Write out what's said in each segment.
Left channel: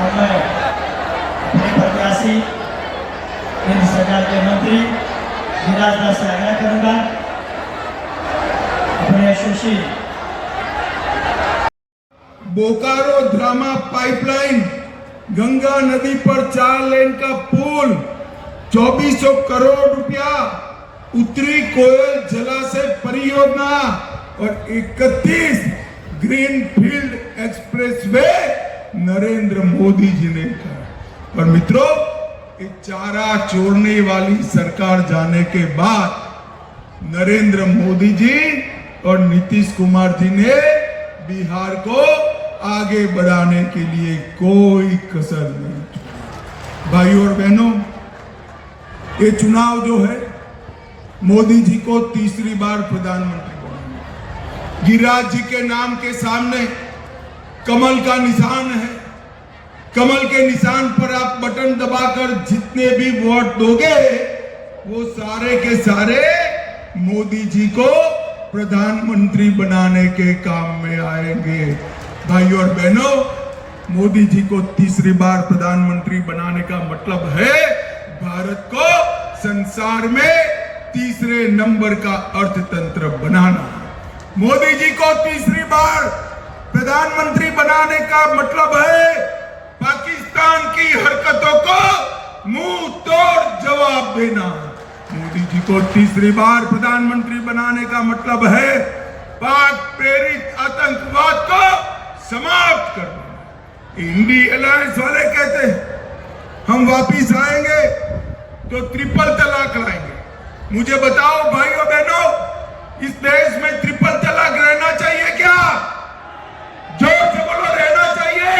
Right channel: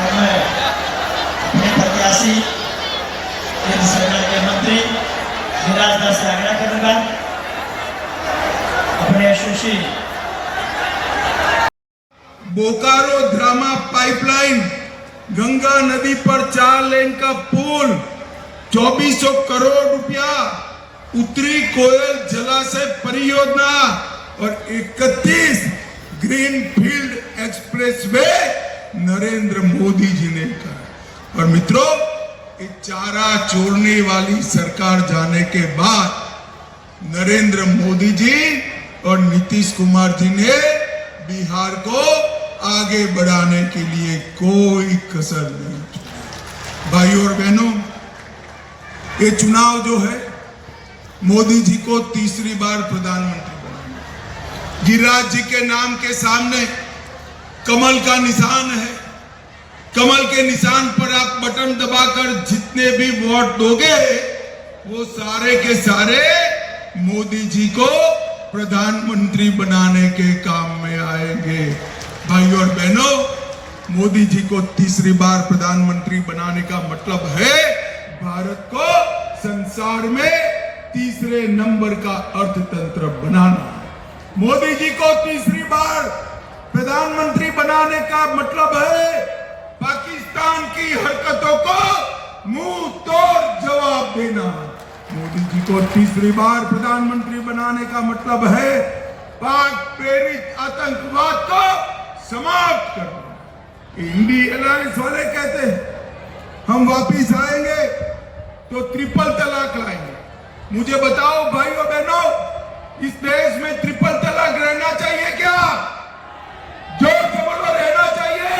अब मैं अपने प्रत्याशी केंद्र सरकार के मंत्री गिरिराज दास से आग्रह करूंगा अपने यशस्वी बोकारो ड्रामा पाइपलाइन, गंगा नदी पर 4 लेन का पुल, 2400 करोड़ रुपया, उत्तरी कोयल जलाशय परियोजना और 31 ग्रीनफील्ड एक्सप्रेसवे नरेंद्र मोदी जी ने कहा। और मित्रों, एक चारा चोरने वाली सरकार जाने के बाद नरेंद्र मोदी जी और नीतीश कुमार जी ने बिहार को आगे बढ़ाने के लिए कोई कसर नहीं छोड़ी। भाइयों और बहनों, ये चुनाव जो है मोदी जी को तीसरी बार प्रधानमंत्री बनाना। गिरिराज जी के नाम के सामने कमल का निशान है। कमल के निशान पर आप बटन दबाकर जितने भी वोट दोगे वो सारे के सारे मोदी जी को प्रधानमंत्री बनाने के काम में आएंगे। भाइयों और बहनों, मोदी जी को तीसरी बार प्रधानमंत्री बनाने का मतलब है भारत को संसार में तीसरे नंबर का अर्थतंत्र बनाना। मोदी जी को तीसरी बार प्रधानमंत्री बनाने का मतलब है पाकिस्तान की हरकतों को मुंह तोड़ जवाब देना। मोदी जी को तीसरी बार प्रधानमंत्री बनाने का मतलब है पाक प्रेरित आतंकवाद को समाप्त करना। इंडी अलायंस वाले कहते हैं हम वापिस आएंगे तो ट्रिपल तलाक लाएंगे। मुझे बताओ भाइयों बहनों, इस देश में ट्रिपल तलाक रहना चाहिए क्या? जोर से बोलो, रहना चाहिए?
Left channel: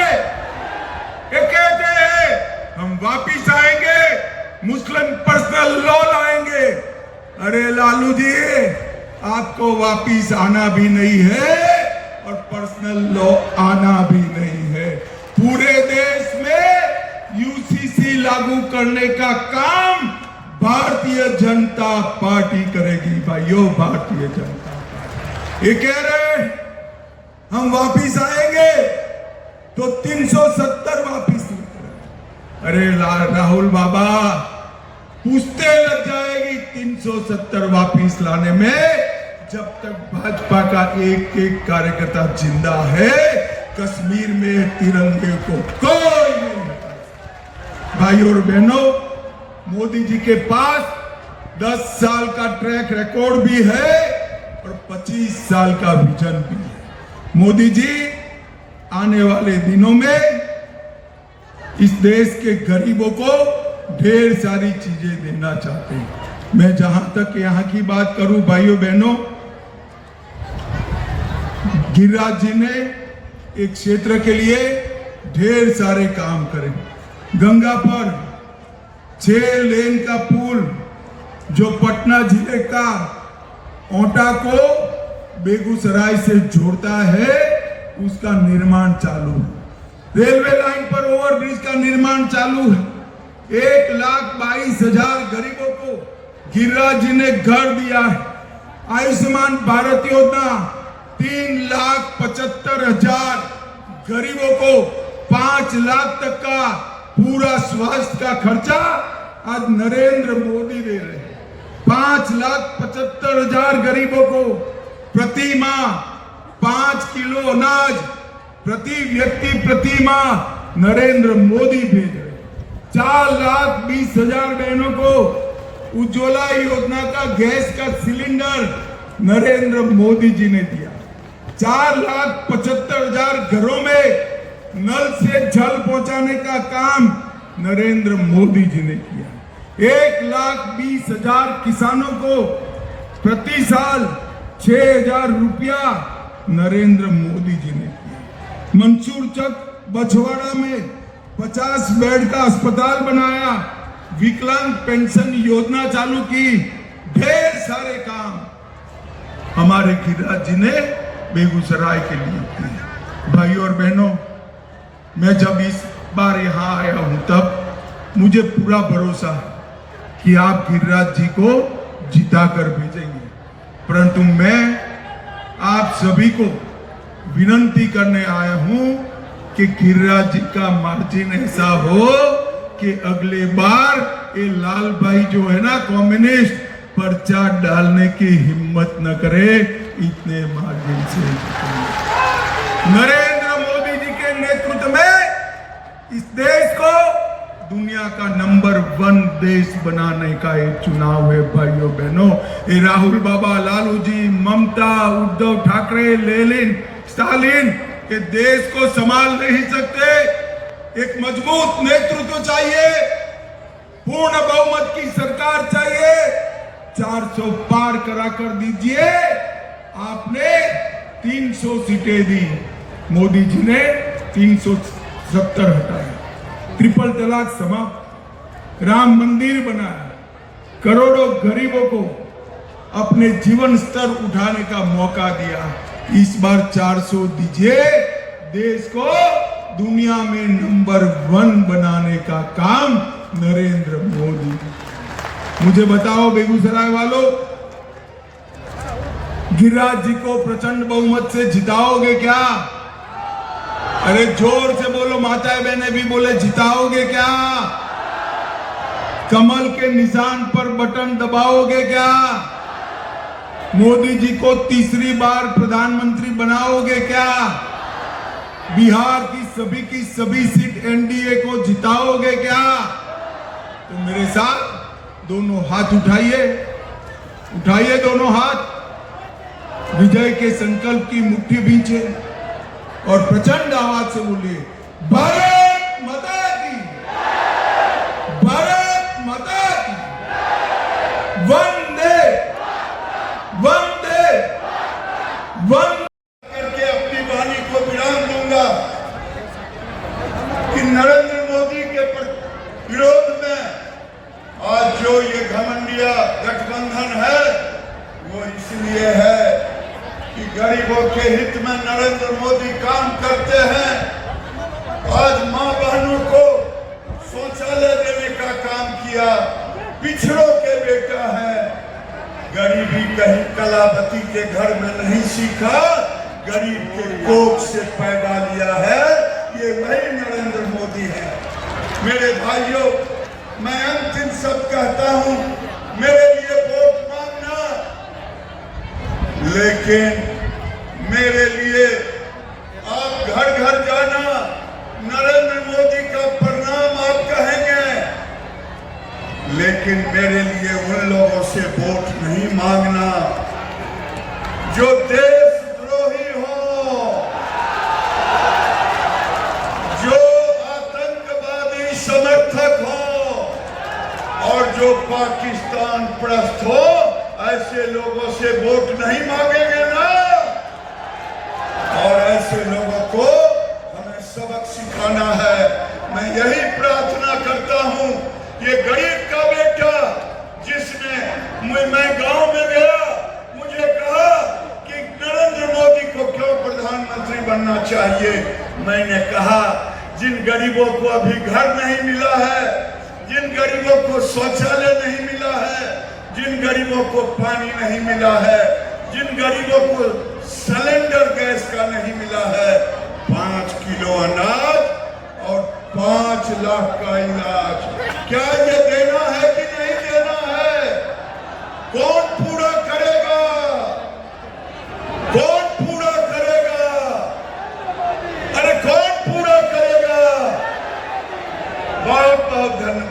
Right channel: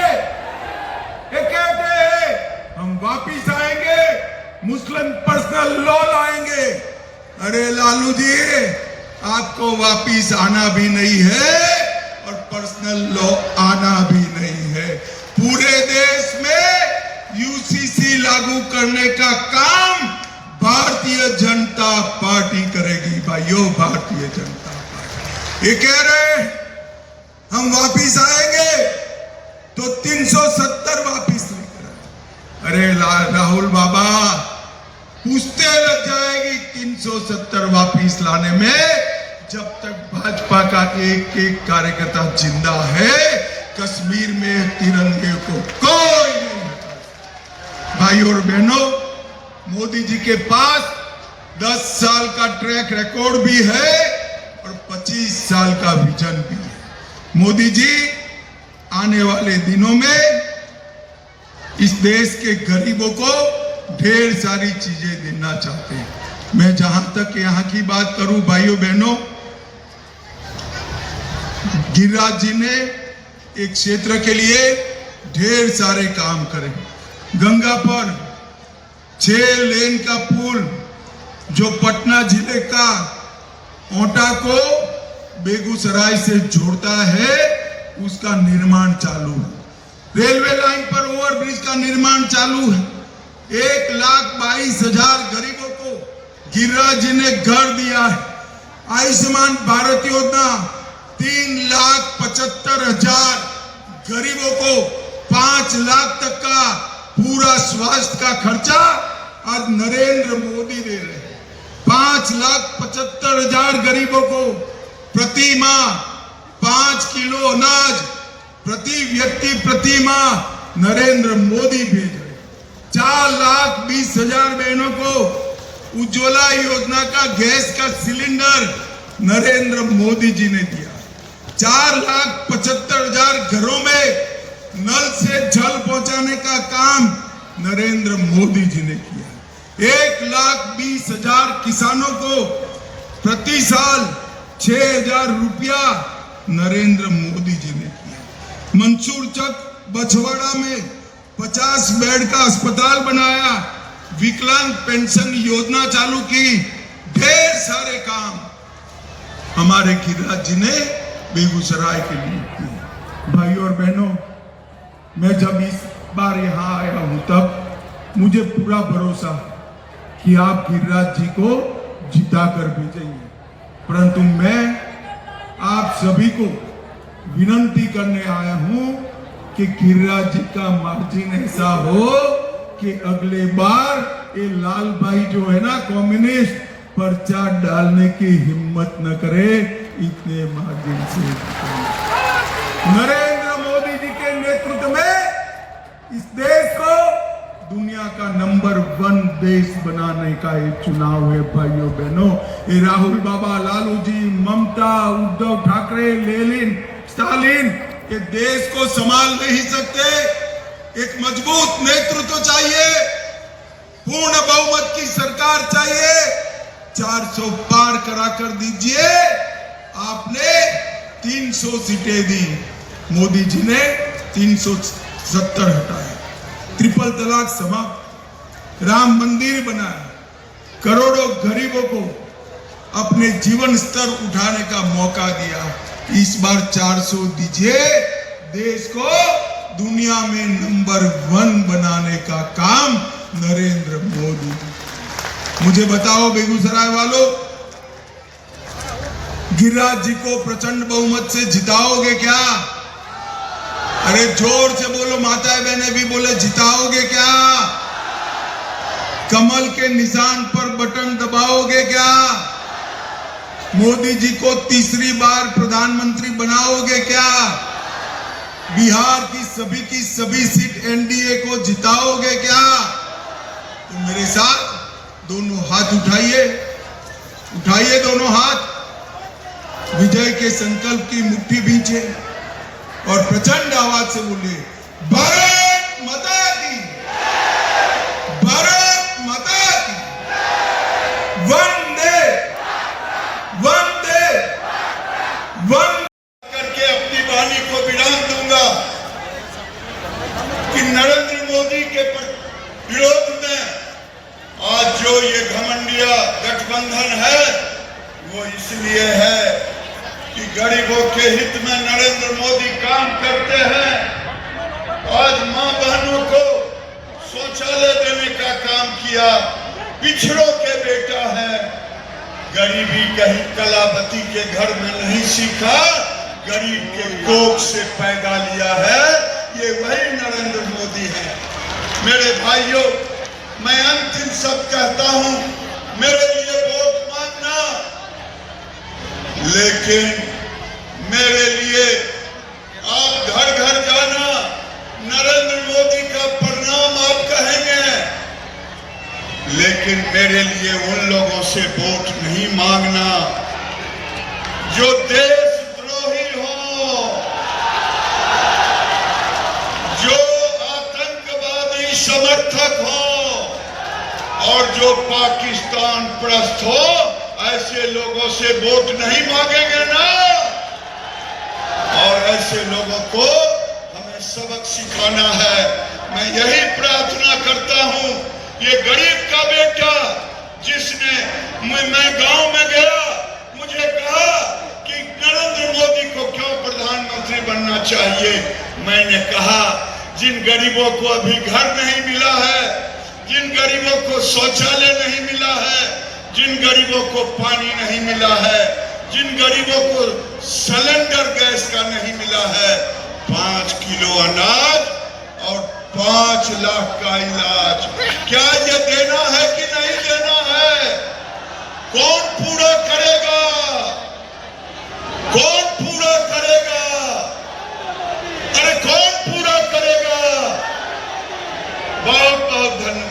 ये कहते हैं हम वापिस आएंगे, मुस्लिम पर्सनल लॉ लाएंगे। अरे लालू जी, आपको वापिस आना भी नहीं है और पर्सनल लॉ आना भी नहीं है। पूरे देश में यूसीसी लागू करने का काम भारतीय जनता पार्टी करेगी। भाइयों, भारतीय जनता पार्टी ये कह रहे हम वापिस आएंगे तो 370 वापिस लेकर। अरे राहुल बाबा, पूछते लग जाएगी 370 वापिस लाने में। जब तक भाजपा का एक एक कार्यकर्ता जिंदा है, कश्मीर में तिरंगे को कोई नहीं। भाइयों और बहनों, मोदी जी के पास 10 साल का ट्रैक रिकॉर्ड भी है और 25 साल का विजन भी है। मोदी जी आने वाले दिनों में इस देश के गरीबों को ढेर सारी चीजें देना चाहते हैं। मैं जहां तक यहां की बात करूं, भाइयों बहनों, गिरिराज जी ने एक क्षेत्र के लिए ढेर सारे काम करे। गंगा पर 6 लेन का पुल जो पटना जिले का ओंटा को बेगूसराय से जोड़ता है, उसका निर्माण चालू है। रेलवे लाइन पर ओवरब्रिज का निर्माण चालू है। 1,22,000 गरीबों को गिरिराज जी ने घर दिया है। आयुष्मान भारत योजना 3,75,000 गरीबों को 5 लाख तक का पूरा स्वास्थ्य का खर्चा आज नरेंद्र मोदी दे रहे हैं। 5,75,000 गरीबों को प्रति माह 5 किलो अनाज प्रति व्यक्ति प्रति माह नरेंद्र मोदी भेज रहे। 4,20,000 बहनों को उज्ज्वला योजना का गैस का सिलेंडर नरेंद्र मोदी जी ने दिया। 4,75,000 घरों में नल से जल पहुंचाने का काम नरेंद्र मोदी जी ने किया। 1,20,000 किसानों को प्रति साल 6,000 रुपया नरेंद्र मोदी जी ने किया। मंसूर चक बछवाड़ा में 50 बेड का अस्पताल बनाया। विकलांग पेंशन योजना चालू की। ढेर सारे काम हमारे गिरिराज जी ने बेगूसराय के लिए किए। भाइयों और बहनों, मैं जब इस बार यहाँ आया हूं तब मुझे पूरा भरोसा है कि आप गिरिराज जी को जिताकर भेजेंगे। परंतु मैं आप सभी को विनती करने आया हूं कि गिरिराज जी का मार्जिन ऐसा हो कि अगले बार ये लाल भाई जो है ना कम्युनिस्ट पर्चा डालने की हिम्मत न करे, इतने मार्जिन से। नरेंद्र मोदी जी के नेतृत्व में इस देश को दुनिया का नंबर 1 देश बनाने का एक चुनाव है भाइयों बहनों। ये राहुल बाबा, लालू जी, ममता, उद्धव ठाकरे, लेनिन, स्टालिन ये देश को संभाल नहीं सकते। एक मजबूत नेतृत्व चाहिए, पूर्ण बहुमत की सरकार चाहिए। 400 पार करा कर दीजिए। आपने 300 सीटें दी, मोदी जी ने 370 हटाए। ट्रिपल तलाक समाप्त, राम मंदिर बनाया, करोड़ों गरीबों को अपने जीवन स्तर उठाने का मौका दिया। इस बार 400 दीजिए, देश को दुनिया में नंबर 1 बनाने का काम नरेंद्र मोदी। मुझे बताओ बेगूसराय वालों, गिरिराज जी को प्रचंड बहुमत से जिताओगे क्या? अरे जोर से बोलो, माताएं बहनें भी बोले, जिताओगे क्या? कमल के निशान पर बटन दबाओगे क्या? मोदी जी को तीसरी बार प्रधानमंत्री बनाओगे क्या? बिहार की सभी सीट एनडीए को जिताओगे क्या? तो मेरे साथ दोनों हाथ उठाइए, उठाइए दोनों हाथ, विजय के संकल्प की मुट्ठी भींचे और प्रचंड आवाज से बोले, भारत माता की, भारत माता की, वंदे वंदे वंदे करके अपनी वाणी को विराम दूंगा कि नरेंद्र मोदी के विरोध में आज जो ये घमंडिया गठबंधन है वो इसलिए है कि गरीबों के हित में नरेंद्र मोदी काम करते हैं। आज मां बहनों को शौचालय देने का काम किया, पिछड़ों के बेटा है। गरीबी कहीं कलावती के घर में नहीं सीखा, गरीब के कोख से पैदा लिया है। ये वही नरेंद्र मोदी है। मेरे भाइयों, मैं अंतिम शब्द कहता हूं, मेरे लिए वोट मांगना, लेकिन मेरे लिए आप घर घर जाना, नरेंद्र मोदी का प्रणाम आप कहेंगे, लेकिन मेरे लिए उन लोगों से वोट नहीं मांगना जो देशद्रोही हो, जो आतंकवादी समर्थक हो और जो पाकिस्तान प्रस्त हो। ऐसे लोगों से वोट नहीं मांगेंगे ना। और ऐसे लोगों को हमें सबक सिखाना है। मैं यही प्रार्थना करता हूं, ये गरीब का बेटा जिसने मैं गांव में गया, मुझे कहा कि नरेंद्र मोदी को क्यों प्रधानमंत्री बनना चाहिए। मैंने कहा, जिन गरीबों को अभी घर नहीं मिला है, जिन गरीबों को शौचालय नहीं मिला है, जिन गरीबों को पानी नहीं मिला है, जिन गरीबों को सिलेंडर गैस का नहीं मिला है, 5 किलो अनाज और 5 लाख का इलाज, क्या ये देना है कि नहीं देना है? कौन पूरा करेगा? कौन पूरा करेगा? अरे कौन पूरा करेगा? बहुत बहुत धन्यवाद।